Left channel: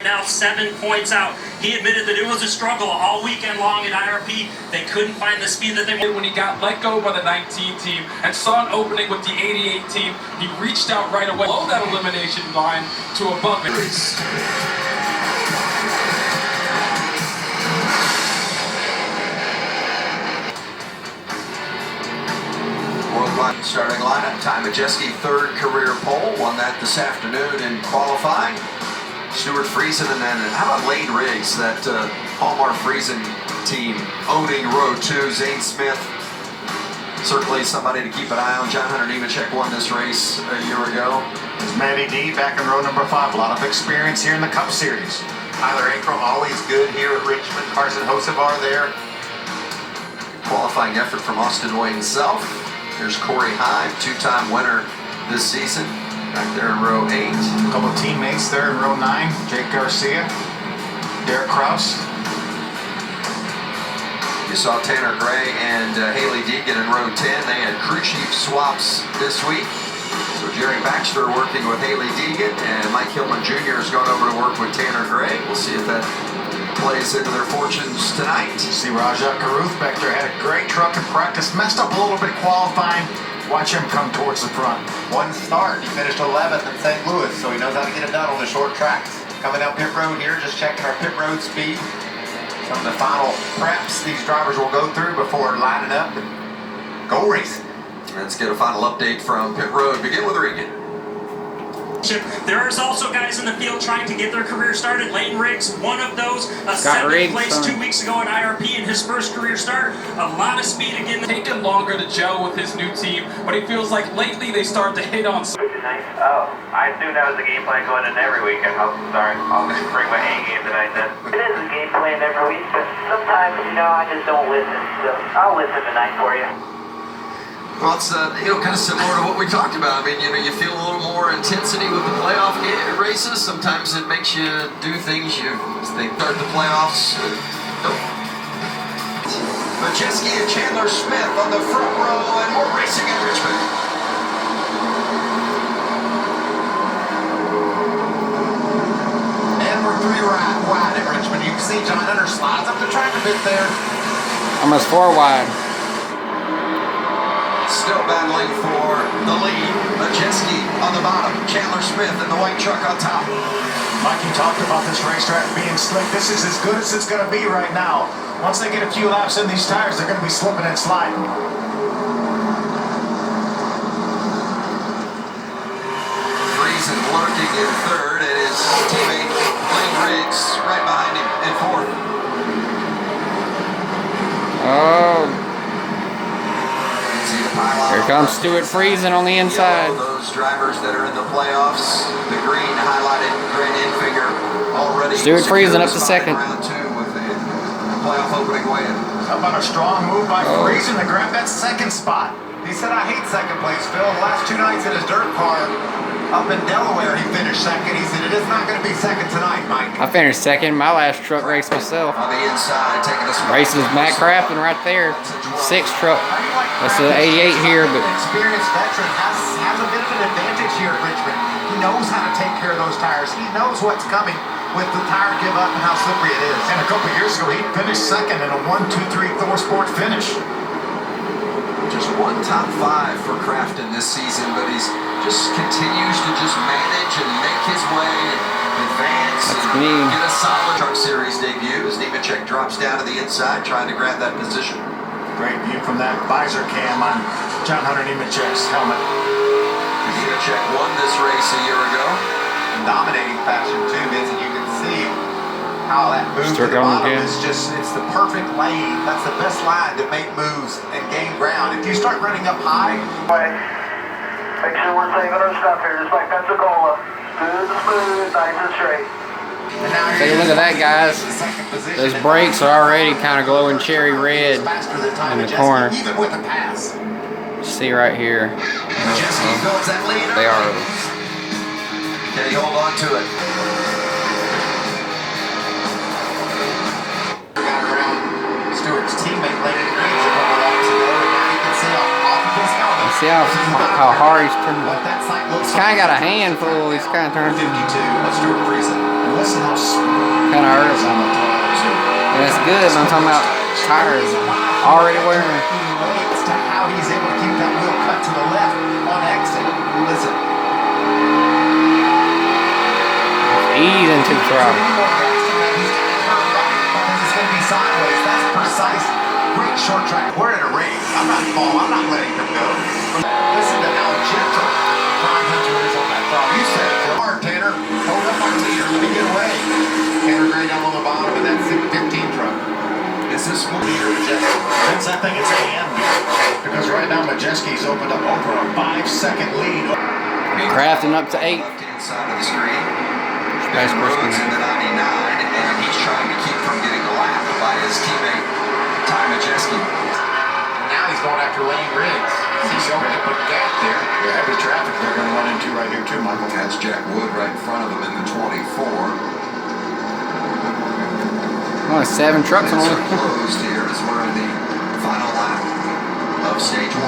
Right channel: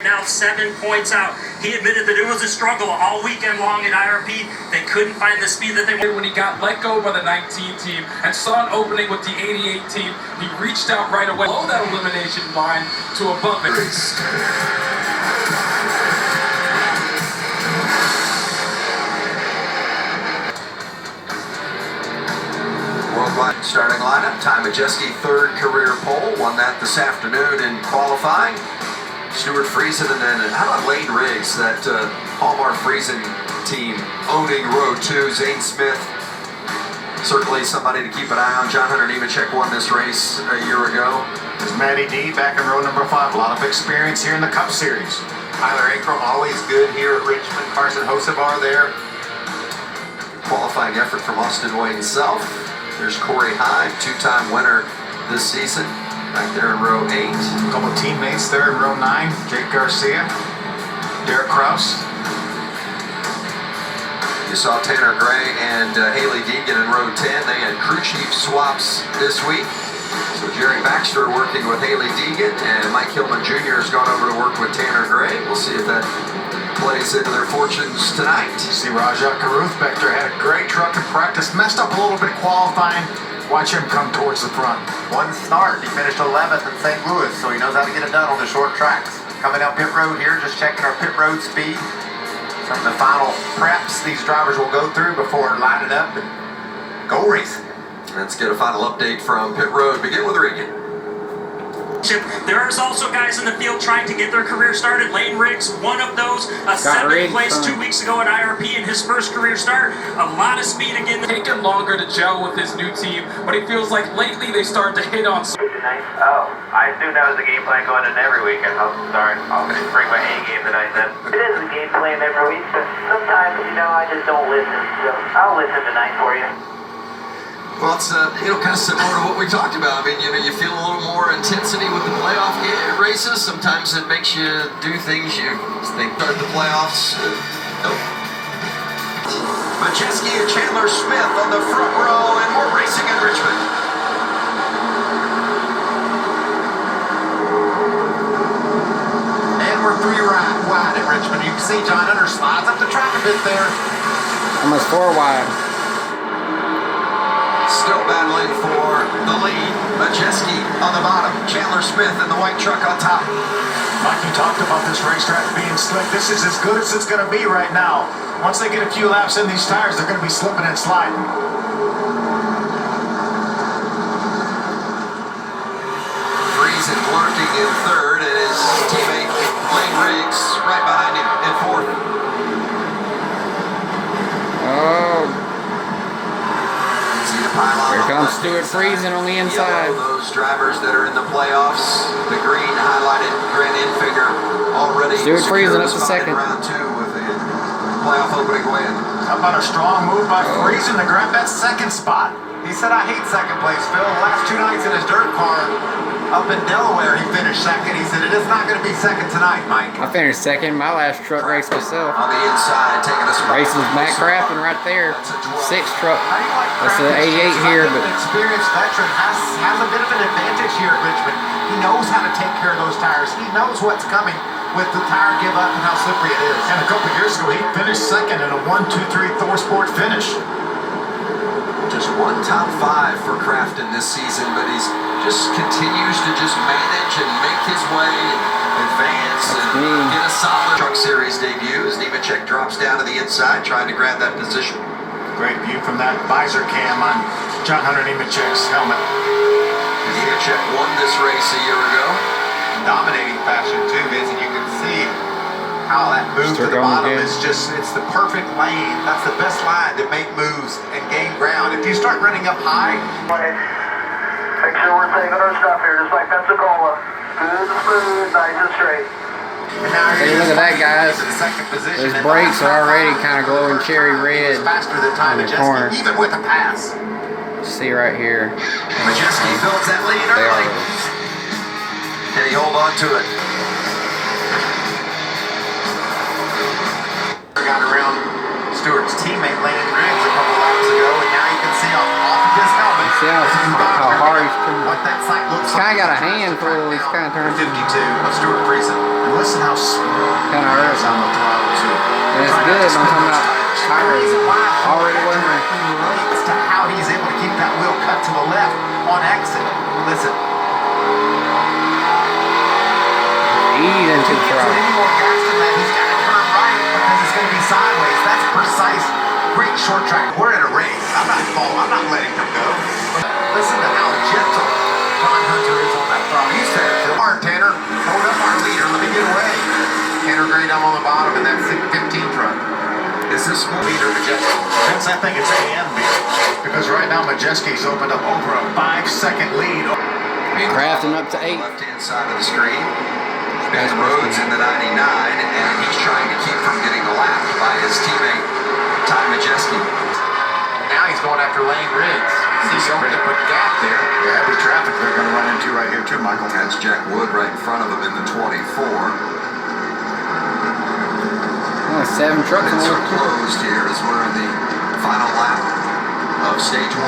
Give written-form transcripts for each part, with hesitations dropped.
Now 7 points out. He admitted that it was a struggle all weekend long at IRP. They couldn't find the speed that they wanted. When he got let go by the 19 team and saw an opening with the 88 team, he reached out right away below that elimination line to above it. Worldwide starting lineup. Ty Majeski, third career pole. Won that this afternoon in qualifying. Stuart Friesen, and then how about Lane Riggs, that Hallmark Friesen team owning row 2. Zane Smith, certainly somebody to keep an eye on. John Hunter Nemechek won this race a year ago. There's Matty D back in row number 5. A lot of experience here in the Cup Series. Tyler Ankrum always good here at Richmond. Carson Hosevar there. Qualifying effort from Austin Hoy himself. There's Corey Hyde, two-time winner this season. Back there in row 8. A couple of teammates there in row 9. Jake Garcia, Derek Kraus. You saw Tanner Gray and Haley Deegan in row 10. They had crew chief swaps this week. So Jerry Baxter working with Haley Deegan, and Mike Hillman Jr. has gone over to work with Tanner Gray. We'll see if that plays into their fortunes tonight. See Rajat Karuth-Bechter had a great truck in practice. Messed up a little bit qualifying. Watch him come towards the front. One start. He finished 11th in St. Louis, so he knows how to get it done on the short tracks. Coming down pit road here, just checking our pit road speed. Some of the final preps these drivers will go through before lining up and go racing. Let's get a final update from pit road. Begin with Regan. There's also guys in the field trying to get their career started. Lane Riggs, one of those, a 7th place 2 weeks ago at IRP in his first career start. A lot of speed again. Taken longer to gel with his new team, but he feels like lately they started to hit on some. Oh, I assumed that was the game plan going in every week. I'm sorry. I'll bring my A game tonight then. It is the game plan every week, but sometimes, I just don't listen. So I'll listen tonight for you. Well, it's kind of similar to what we talked about. I mean, you feel a little more intensity with the playoff races. Sometimes it makes you do things you think start the playoffs. Nope. Majeski and Chandler Smith on the front row, and more racing in Richmond. And we're 3 wide at Richmond. You can see John Hunter slides up the track a bit there. Almost 4 wide. Still battling for the lead. Majeski on the bottom. Chandler Smith in the white truck on top. Mikey talked about this racetrack being slick. This is as good as it's going to be right now. Once they get a few laps in these tires, they're going to be slipping and sliding. Friesen lurking in third, and his teammate Lane Riggs right behind him in fourth. Oh. Here comes Stuart Friesen on the inside. Those drivers that are in the playoffs, the green highlighted Grant Enfinger already. Stuart Friesen up to second. Round 2 with the playoff opening win. How about a strong move by Friesen to grab that second spot? He said, I hate second place, Phil. The last 2 nights in his dirt car up in Delaware, he finished second. He said, it is not going to be second tonight, Mike. I finished second my last truck race myself. On the inside, taking this Racing with Matt Crafton right there. 6th truck. That's the 88 here, but An experienced veteran has a bit of an advantage here at Richmond. He knows how to take care of those tires. He knows what's coming with the tire give up and how slippery it is. And a couple years ago, he finished second in a 1-2-3 Thor Sport finish. Just one top 5 for Crafton this season, but he's just continues to just manage and make his way, advance, and get a solid truck series debut as Nemechek drops down to the inside, trying to grab that position. Great view from that visor cam on John Hunter Nemechek's helmet. Nemechek won this race a year ago. In dominating fashion, too, Vince, and you can see how that move to the bottom is just, it's the perfect lane. That's the best line to make moves and gain ground. If you start running up high, Make sure we're saving our stuff here, just like Pensacola. Smooth, nice and straight. hey, look at that, guys. Those brakes are already kind of glowing cherry red in the corner. Even with a pass. See right here. Majeski builds that lead early. They are. Can he hold on to it? Got around Stewart's teammate Lane Riggs a couple laps ago, and now you can see off of his helmet. See how hard he's turning. What that sight looks He's kind of got a handful. He's kind of turning. 52 of Stuart Friesen. Listen how smooth Kind of it hurts. is on the throttle too. And it's good. I'm talking about tires already wearing. He relates to how he's able to keep that wheel cut to the left on exit. Listen. Ease into the throttle. Any more gas than that, he's got to turn right, but then it's going to be sideways. That's precise. Great short track. We're in a race. I'm not letting him go. Listen to how gentle John Hunter is on that throttle. You said it, Phil. All right, Tanner, hold up our leader. Let me get away. Tanner Gray down on the bottom in that 15 truck. Is this one Leader Majeski. Vince, I think it's A and B. Because right now Majeski's opened up over a 5-second lead. Crafting up to 8. left-hand side of the screen. Ben Rhodes in the 99, and he's trying to keep from getting lapped by his teammate Ty Majeski. And now he's going after Lane Riggs. He's going to put a gap there. Yeah, heavy traffic they're going to run into right here too, Michael. That's Jack Wood right in front of him in the 24. Oh, 7 trucks on Pits the are closed here as we're in the final lap of stage 1.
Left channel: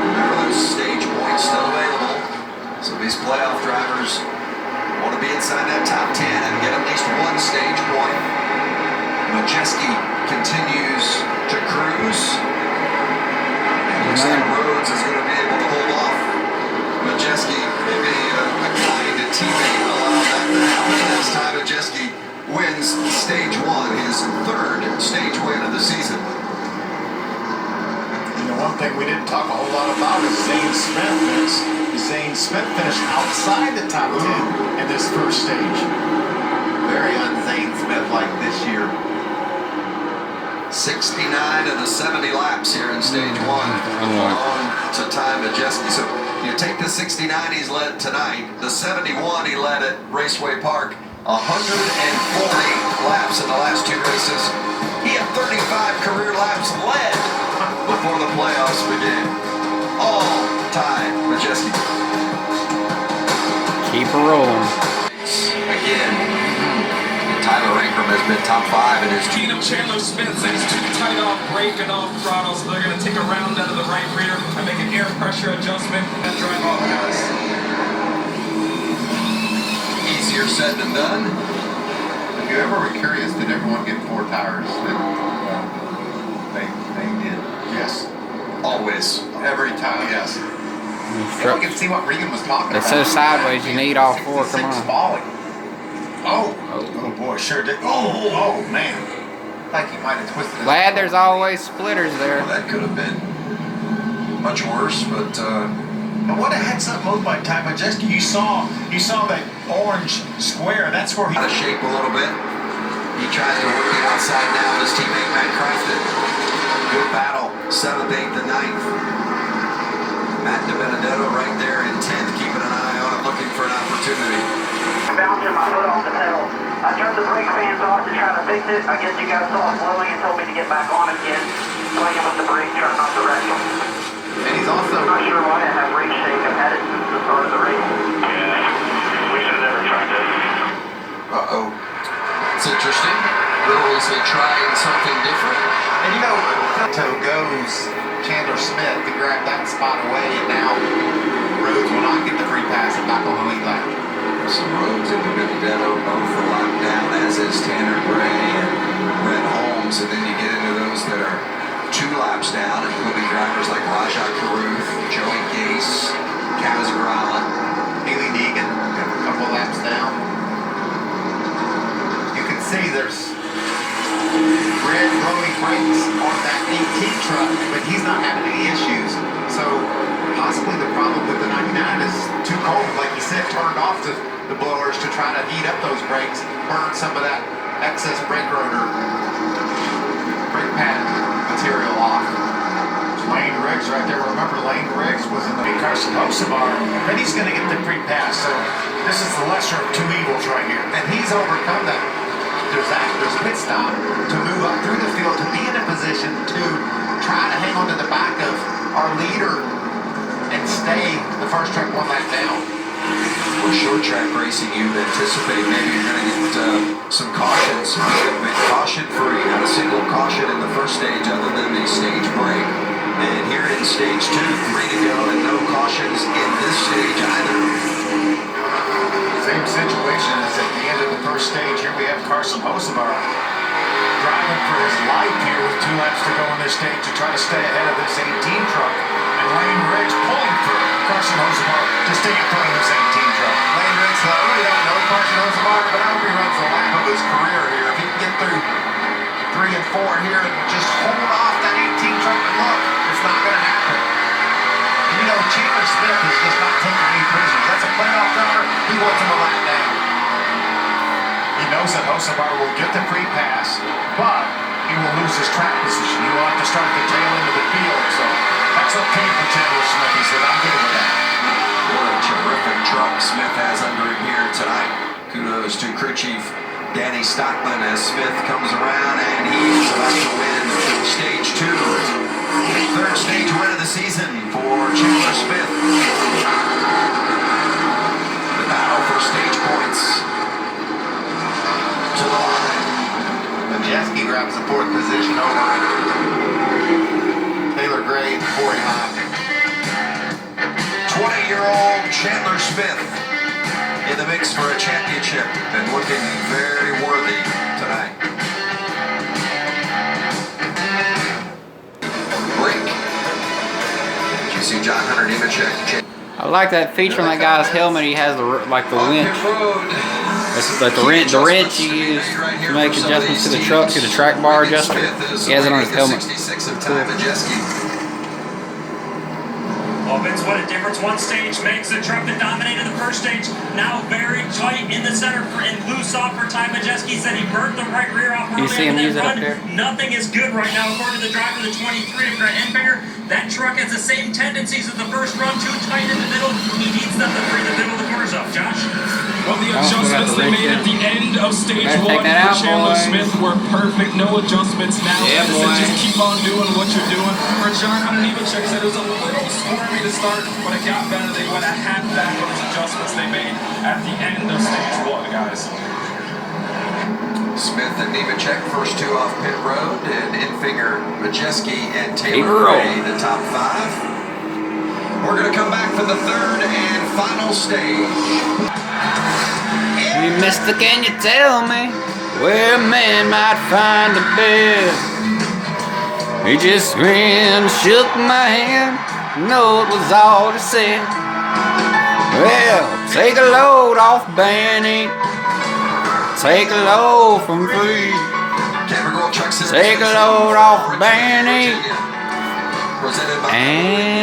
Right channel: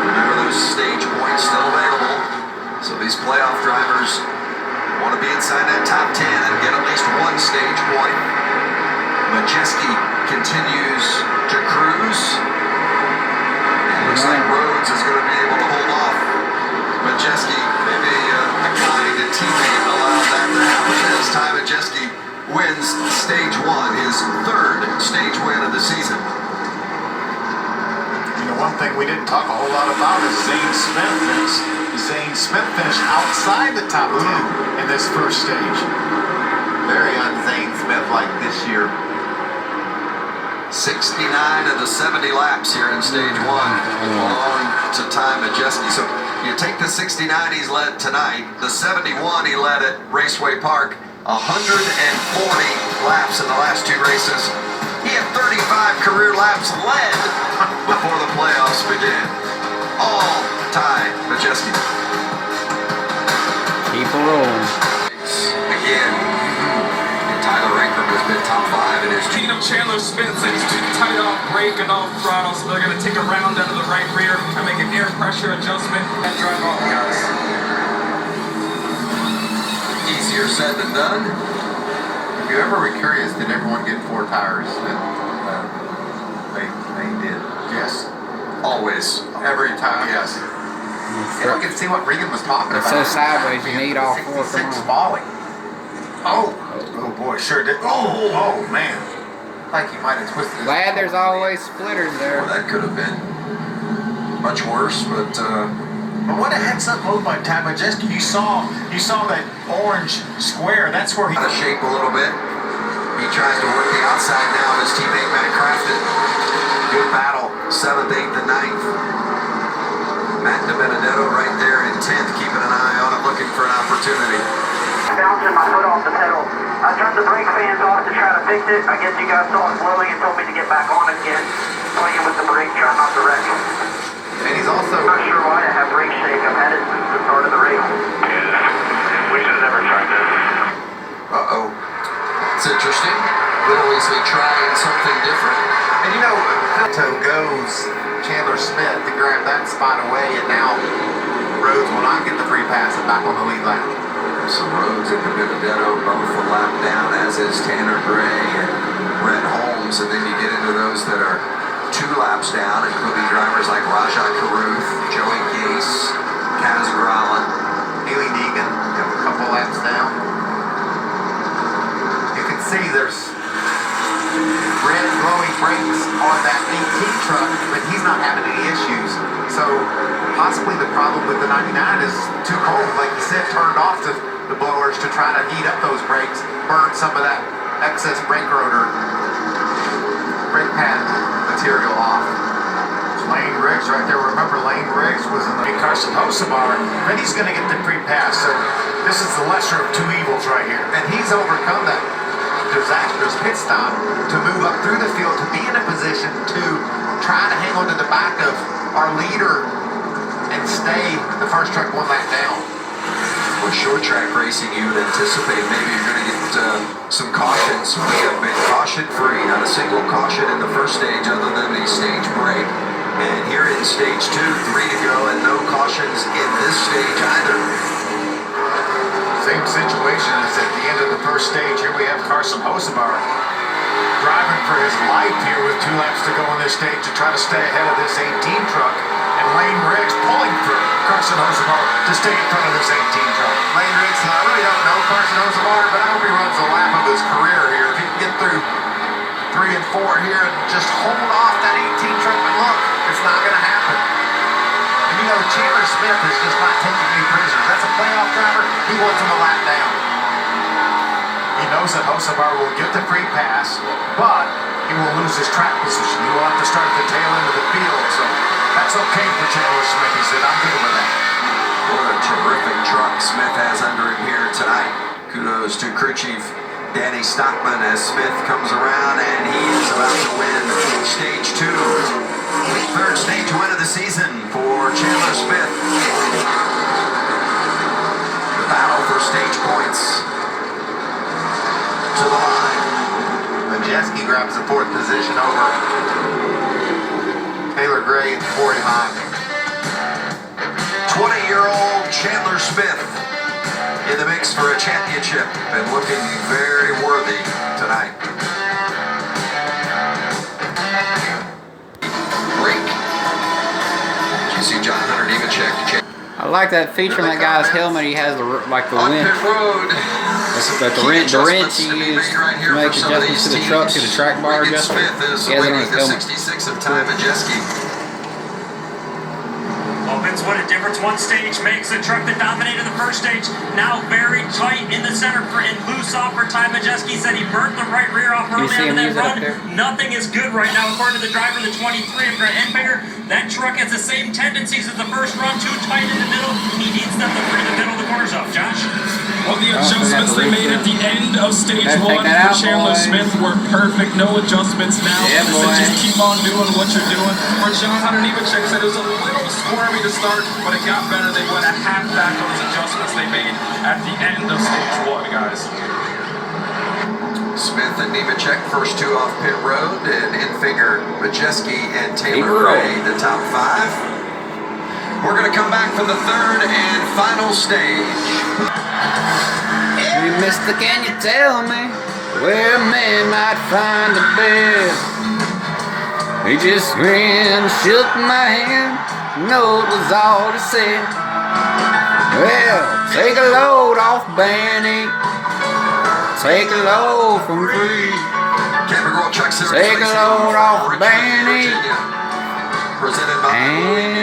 Remember, there's stage points still available. So these playoff drivers want to be inside that top 10 and get at least one stage point. Majeski continues to cruise. And looks like Rhodes is going to be able to hold off Majeski. Maybe a kind teammate allowed that to happen as Ty Majeski wins stage 1, his 3rd stage win of the season. You know, one thing we didn't talk a whole lot about is Zane Smith. Zane Smith finished outside the top 10 in this first stage. Very un-Zane Smith like this year. 69 of the 70 laps here in stage 1 belong to Ty Majeski. So you take the 69 he's led tonight, the 71 he led at Raceway Park, 140 laps in the last 2 races. He had 35 career laps led before the playoffs began. All Ty Majeski. Keep her rolling. Again, Tyler Ingram has been top 5 in his Speed of Chandler Smith says he's too tight off brake and off throttle, so they're going to take a round out of the right rear and make an air pressure adjustment and drive off, guys. Easier said than done. If you ever were curious, did everyone get 4 tires? They did. Yes. Always. Every time. Yes. Yeah, we can see what Regan was talking It about. says sideways, you need all 4, come 66 on. falling. Oh boy, sure did. Oh man. Like he might have twisted his Glad ankle. there's always splitters there. Well, that could have been much worse, but But what a heads up move by Ty Majeski. You saw that orange square. That's where he out of shape a little bit. He tries to work the outside now of his teammate Matt Crafton. Good battle, 7th, 8th, and 9th. Matt DiBenedetto right there in 10th, keeping an eye on it, looking for an opportunity. Bouncing my foot off the pedal. I turned the brake fans off to try to fix it. I guess you guys saw it blowing and told me to get back on again. Swinging with the brake, trying not to wreck them. And he's also... I'm not sure why I have brake shake. I've had it since the start of the race. Yeah, we should have never tried this. Uh-oh. It's interesting. Little is trying something different. And you know, Toe goes Chandler Smith to grab that spot away, and now Rhodes will not get the free pass and back on the lead lap. So Rhodes and DiBenedetto both a lap down, as is Tanner Gray and Brett Holmes. And then you get into those that are 2 laps down, including drivers like Rajah Caruth, Joey Gase, Kaz Gralla, Haley Deegan, a couple laps down. You can see there's red glowing brakes on that 18 truck, but he's not having any issues. So possibly the problem with the 99 is too cold, like he said, turned off the blowers to try to heat up those brakes, burn some of that excess brake rotor, brake pad material off. Lane Riggs right there. Remember, Lane Riggs was in the Carson Hocebar, but he's going to get the free pass. So this is the lesser of 2 evils right here. And he's overcome that disastrous pit stop to move up through the field to be in a position to try to hang on to the back of our leader and stay the first truck 1 lap down. With short track racing, you would anticipate maybe you're going to get some cautions. We have been caution free, not a single caution in the first stage other than the stage break. And here in stage 2, 3 to go, and no cautions in this stage either. Same situation as at the end of the first stage. Here we have Carson Hocevar driving for his life here with 2 laps to go on this stage to try to stay ahead of this 18 truck. And Lane Riggs pulling for Carson Hocevar to stay in front of this 18 truck. Lane Riggs, I really don't know Carson Hocevar, but I hope he runs the lap of his career here. If he can get through 3 and 4 here and just hold off that 18 truck, but look, it's not going to happen. And you know, Chandler Smith is just not taking any prisoners. That's a playoff driver. He wants him a lap down. He knows that Hocevar will get the free pass, but he will lose his track position. He will have to start at the tail end of the field, so that's okay for Chandler Smith. He said, I'm good with that. What a terrific truck Smith has under him here tonight. Kudos to crew chief Danny Stockman as Smith comes around and he is about to win stage 2. 3rd stage win of the season for Chandler Smith. The battle for stage points to the line. Majeski grabs the 4th position over Taylor Gray, 49. 20-year-old Chandler Smith in the mix for a championship and looking very worthy tonight. Break. Did you see John Hunter Nemechek? I like that feature on that guy's helmet. He has the winch. It's like the wrench he used to make adjustments to the truck, to the track bar adjustment. He has it on his helmet. 66 of Ty Majeski. Well, Vince, what a difference one stage makes. The truck that dominated the first stage now very tight in the center and loose off for Ty Majeski. Said he burnt the right rear off early after that run. Nothing is good right now, according to the driver, the 23 for Enfinger. That truck has the same tendencies as the first run, too tight in the middle. He needs them to free the middle of the corners up. Josh? Well, the adjustments they made at the end of stage 1 for Chandler Smith were perfect. No adjustments now. Yeah, Just keep on doing what you're doing. For John Hunter Nemechek said it was a little squirmy to start, but it got better. They went a half back on those adjustments they made at the end of stage 1, guys. Smith and Nemechek, first 2 off pit road, and Enfinger, Majeski, and Taylor Gray, the top 5. We're going to come back for the 3rd and final stage. Hey, mister, can you tell me where a man might find the best? He just grinned, shook my hand, no, it was all he said. Well, take a load off Benny, take a load from free. Take a load off Benny, and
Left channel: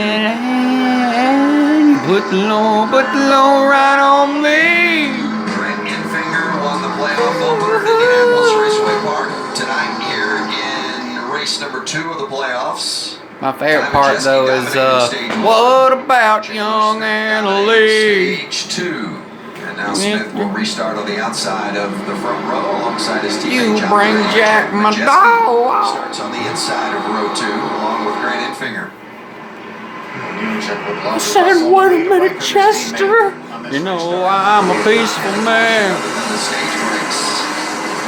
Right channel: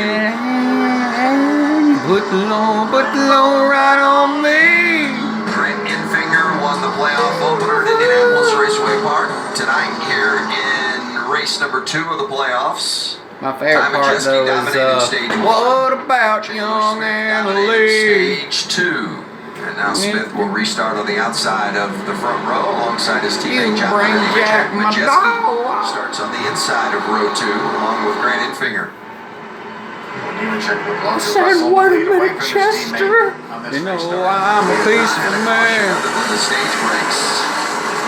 put the load right on me. Won the playoff opener at Indianapolis Raceway Park tonight here in race number 2 of the playoffs. My favorite part though is what about young Annalee? Stage 2. And now Smith will restart on the outside of the front row alongside his teammate John bring Jack my dog. Starts on the inside of row 2 along with Grant Enfinger. I said, wait a minute, Chester. You know, I'm a peaceful man.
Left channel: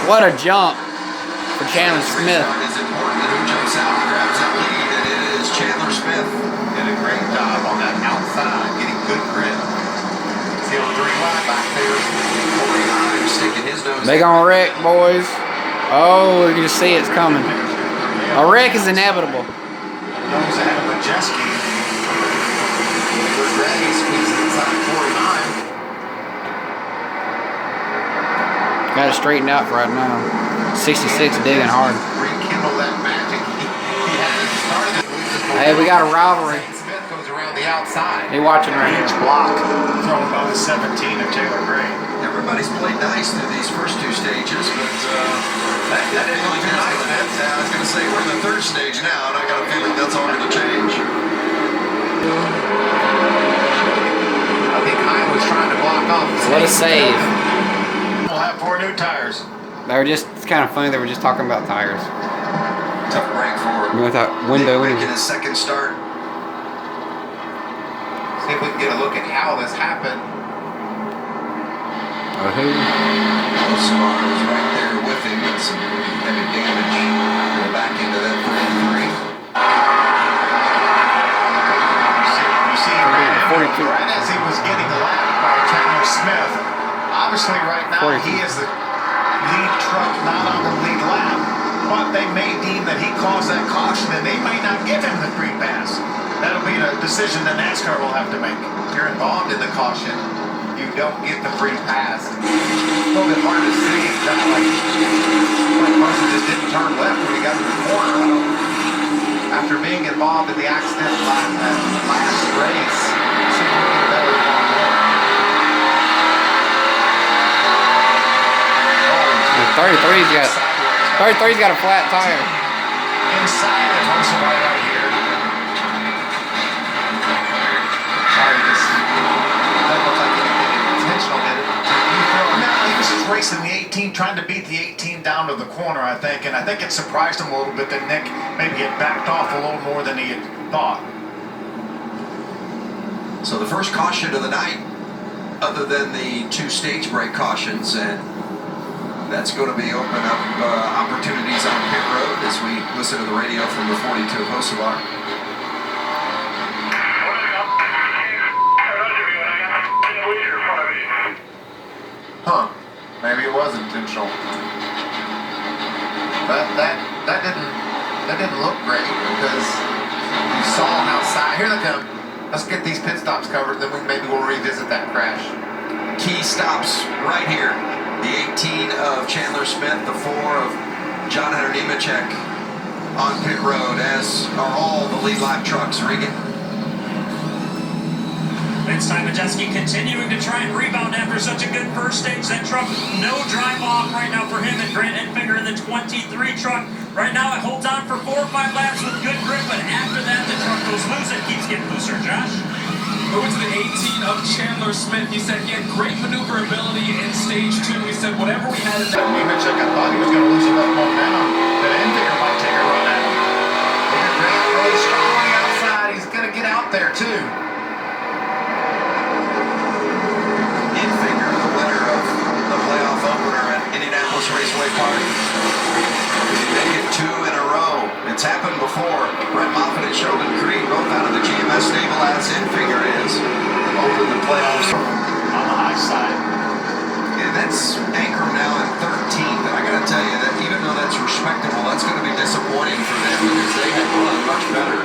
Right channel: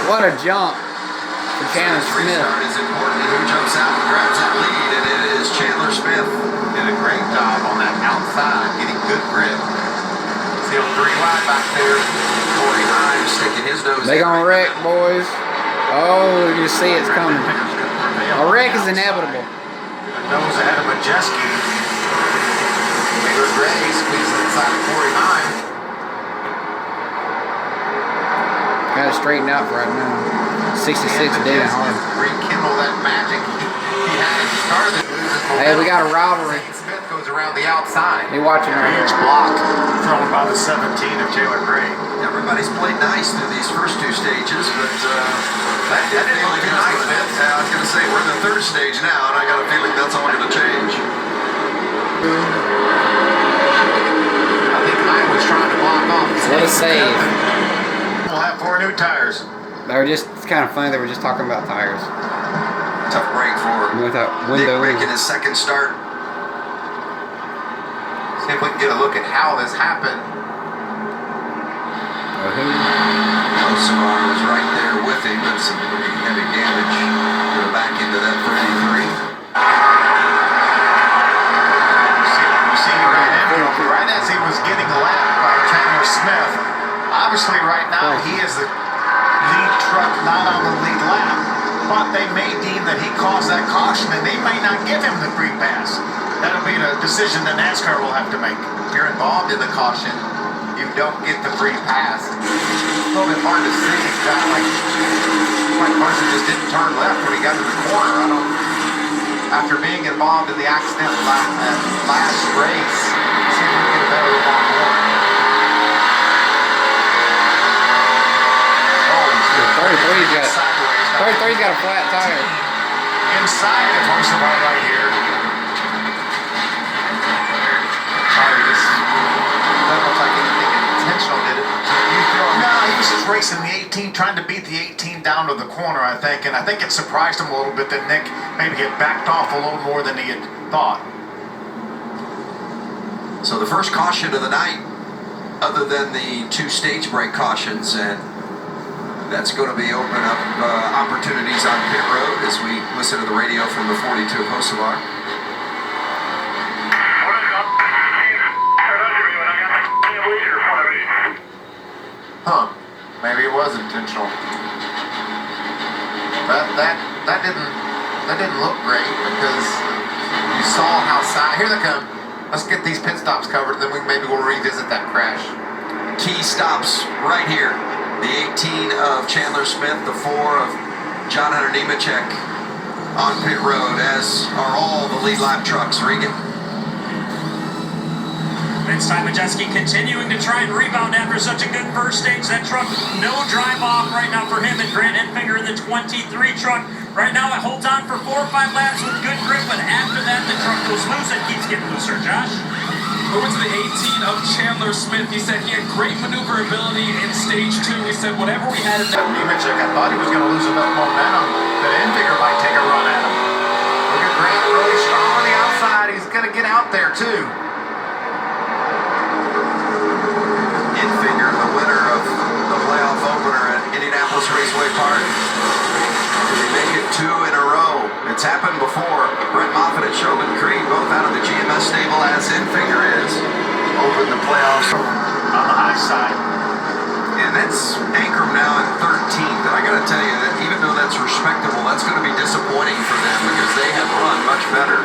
What a jump for Chandler Smith. Who jumps out and grabs that lead, and it is Chandler Smith. Did a great job on that outside, getting good grip. Still 3 wide back there. 49 sticking his nose. They gonna wreck, boys. Oh, you see it's coming. A wreck is inevitable. Nose ahead of Majeski. Taylor Gray squeezes inside 49. Got to straighten out right now. 66 digging hard. Rekindle that magic he had started. Hey, we got a rivalry. Smith goes around the outside. They watching right here. Block thrown by the 17 of Taylor Gray. Everybody's played nice through these first 2 stages, but that didn't look too nice, man. I was going to say, we're in the 3rd stage now, and I got a feeling that's all going to change. I think Kyle was trying to block off. What a save. We'll have 4 new tires. They were just, it's kind of funny, they were just talking about tires. Tough break for With that window Nick making his 2nd start. See if we can get a look at how this happened. Osmar is right there with him with some pretty heavy damage. Go back into that 33. You see right as he was getting lapped by Chandler Smith, obviously right now he is the lead truck not on the lead lap, but they may deem that he caused that caution and they may not give him the free pass. That'll be a decision that NASCAR will have to make. If you're involved in the caution, you don't get the free pass. It's a little bit hard to see. It's kind of like Carson just didn't turn left when he got to the corner. After being involved in the accident last race, see if we can get a better involved more. 33's got a flat tire. Inside of Hocevar right here. Doesn't look like anything intentional, did it? No, he was just racing the 18, trying to beat the 18 down to the corner, I think. And I think it surprised him a little bit that Nick maybe had backed off a little more than he had thought. So the first caution of the night, other than the 2 stage break cautions, and that's going to be opening up opportunities on pit road as we listen to the radio from the 42 of Hocevar. Huh? Maybe it was intentional. That didn't look great because you saw how side. Here they come. Let's get these pit stops covered, then maybe we'll revisit that crash. Key stops right here. The 18 of Chandler Smith, the 4 of John Hunter Nemechek on pit road, as are all the lead lap trucks. Regan. Vince Majeski continuing to try and rebound after such a good first stage. That truck, no drive off right now for him, and Grant Enfinger in the 23 truck. Right now it holds on for 4 or 5 laps with good grip, but after that the truck goes loose and keeps getting looser. Josh? Moving to the 18 of Chandler Smith. He said he had great maneuverability in stage 2. He said whatever we had in that. Nemechek, I thought he was going to lose enough momentum that Enfinger might take a run at him. Look at Grant, really strong on the outside. He's going to get out there too. Enfinger, the winner of the playoff opener at Indianapolis Raceway Park. Did he make it 2 in a row? It's happened before. Brett Moffitt and Sheldon Creed, both out of the GMS stable as Enfinger is, opened the playoffs On the high side. And that's Ankrum now in 13th. And I got to tell you that even though that's respectable, that's going to be disappointing for them because they have run much better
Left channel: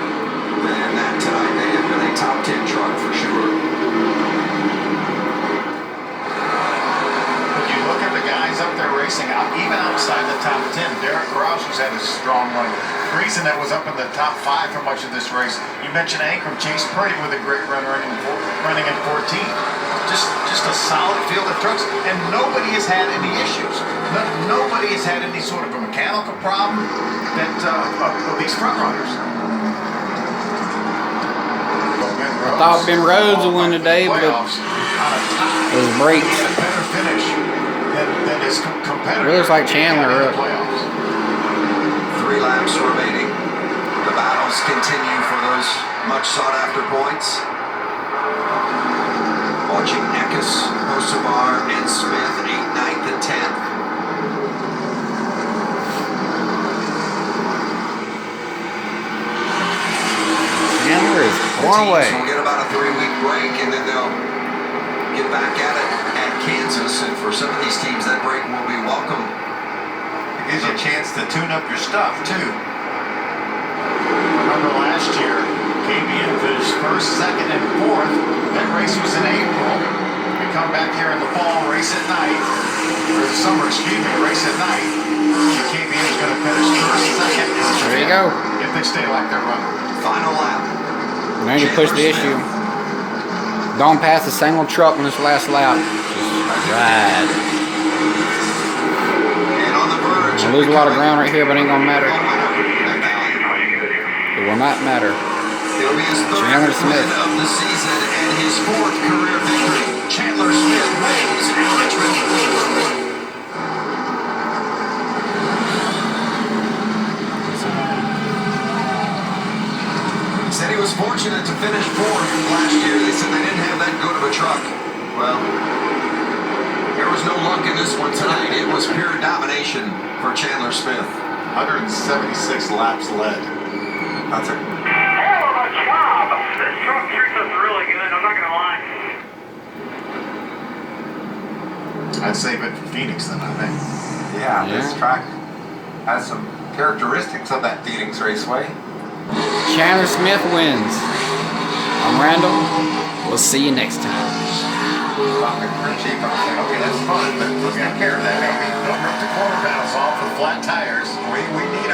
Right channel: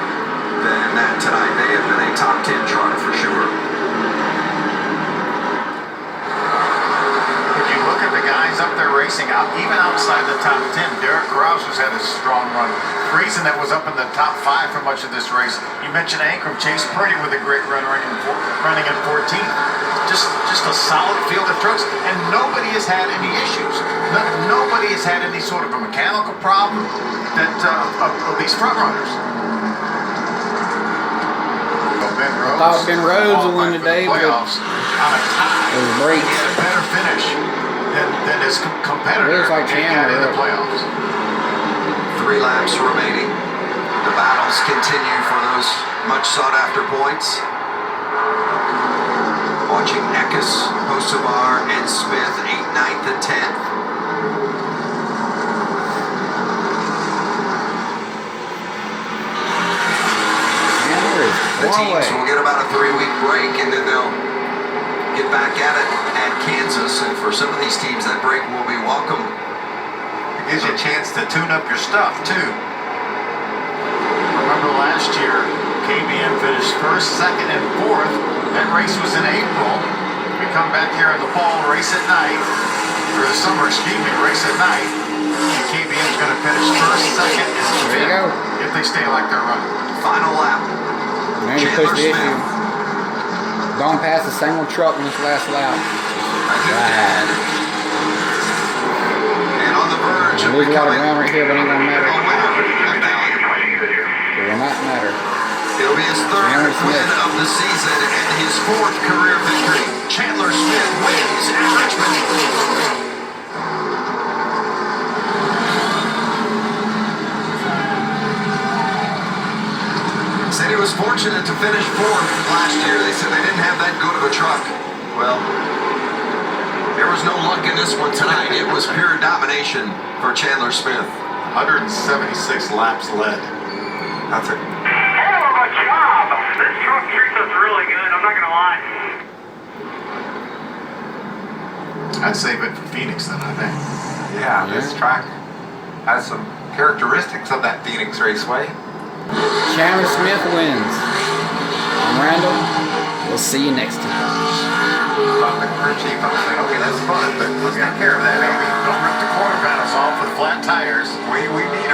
than that tonight. They have been a top 10 truck for sure. If you look at the guys up there racing out, even outside the top 10, Derek Croucher's had a strong run. Friesen that was up in the top 5 for much of this race. You mentioned Ankrum, Chase Purdy with a great run running in 14th. Just a solid field of trucks, and nobody has had any issues. Nobody has had any sort of a mechanical problem that of these front runners. I thought Ben Rhodes would win today, but it was break. He had a better finish than his competitor. It looks like Chandler in the playoffs. 3 laps remaining. The battles continue for those much sought after points. Watching Eckes, Hocevar, and Smith, 8th, 9th, and 10th. The teams will get about a 3-week break, and then they'll get back at it at Kansas. And for some of these teams, that break will be welcome. It gives you a chance to tune up your stuff, too. Remember last year, KBM finished 1st, 2nd, and 4th. That race was in April. We come back here in the fall, race at night, or the summer, excuse me, race at night. And KBM is going to finish 1st, 2nd, and 5th if they stay like they're running. Final lap. Man, you push the issue. Don't pass the same old truck on this last lap. Right. And on the verge. I lose a lot of ground right here, but it ain't gonna matter. It will not matter. It'll be his 3rd win of the season and his 4th career victory. Chandler Smith wins at Richmond. Said he was fortunate to finish 4th last year. They said they didn't have that good of a truck. Well, there was no luck in this one tonight. It was pure domination for Chandler Smith. 176 laps led. That's a hell of a job. This truck treats us really good, I'm not going to lie. I'd save it for Phoenix then, I think. Yeah, this track has some characteristics of that Phoenix Raceway. Chandler Smith wins. I'm Randall. We'll see you next time. About the crew chief, I was like, okay, that's fun, but let's take care of that. Don't rip the quarter panels off with flat tires. We need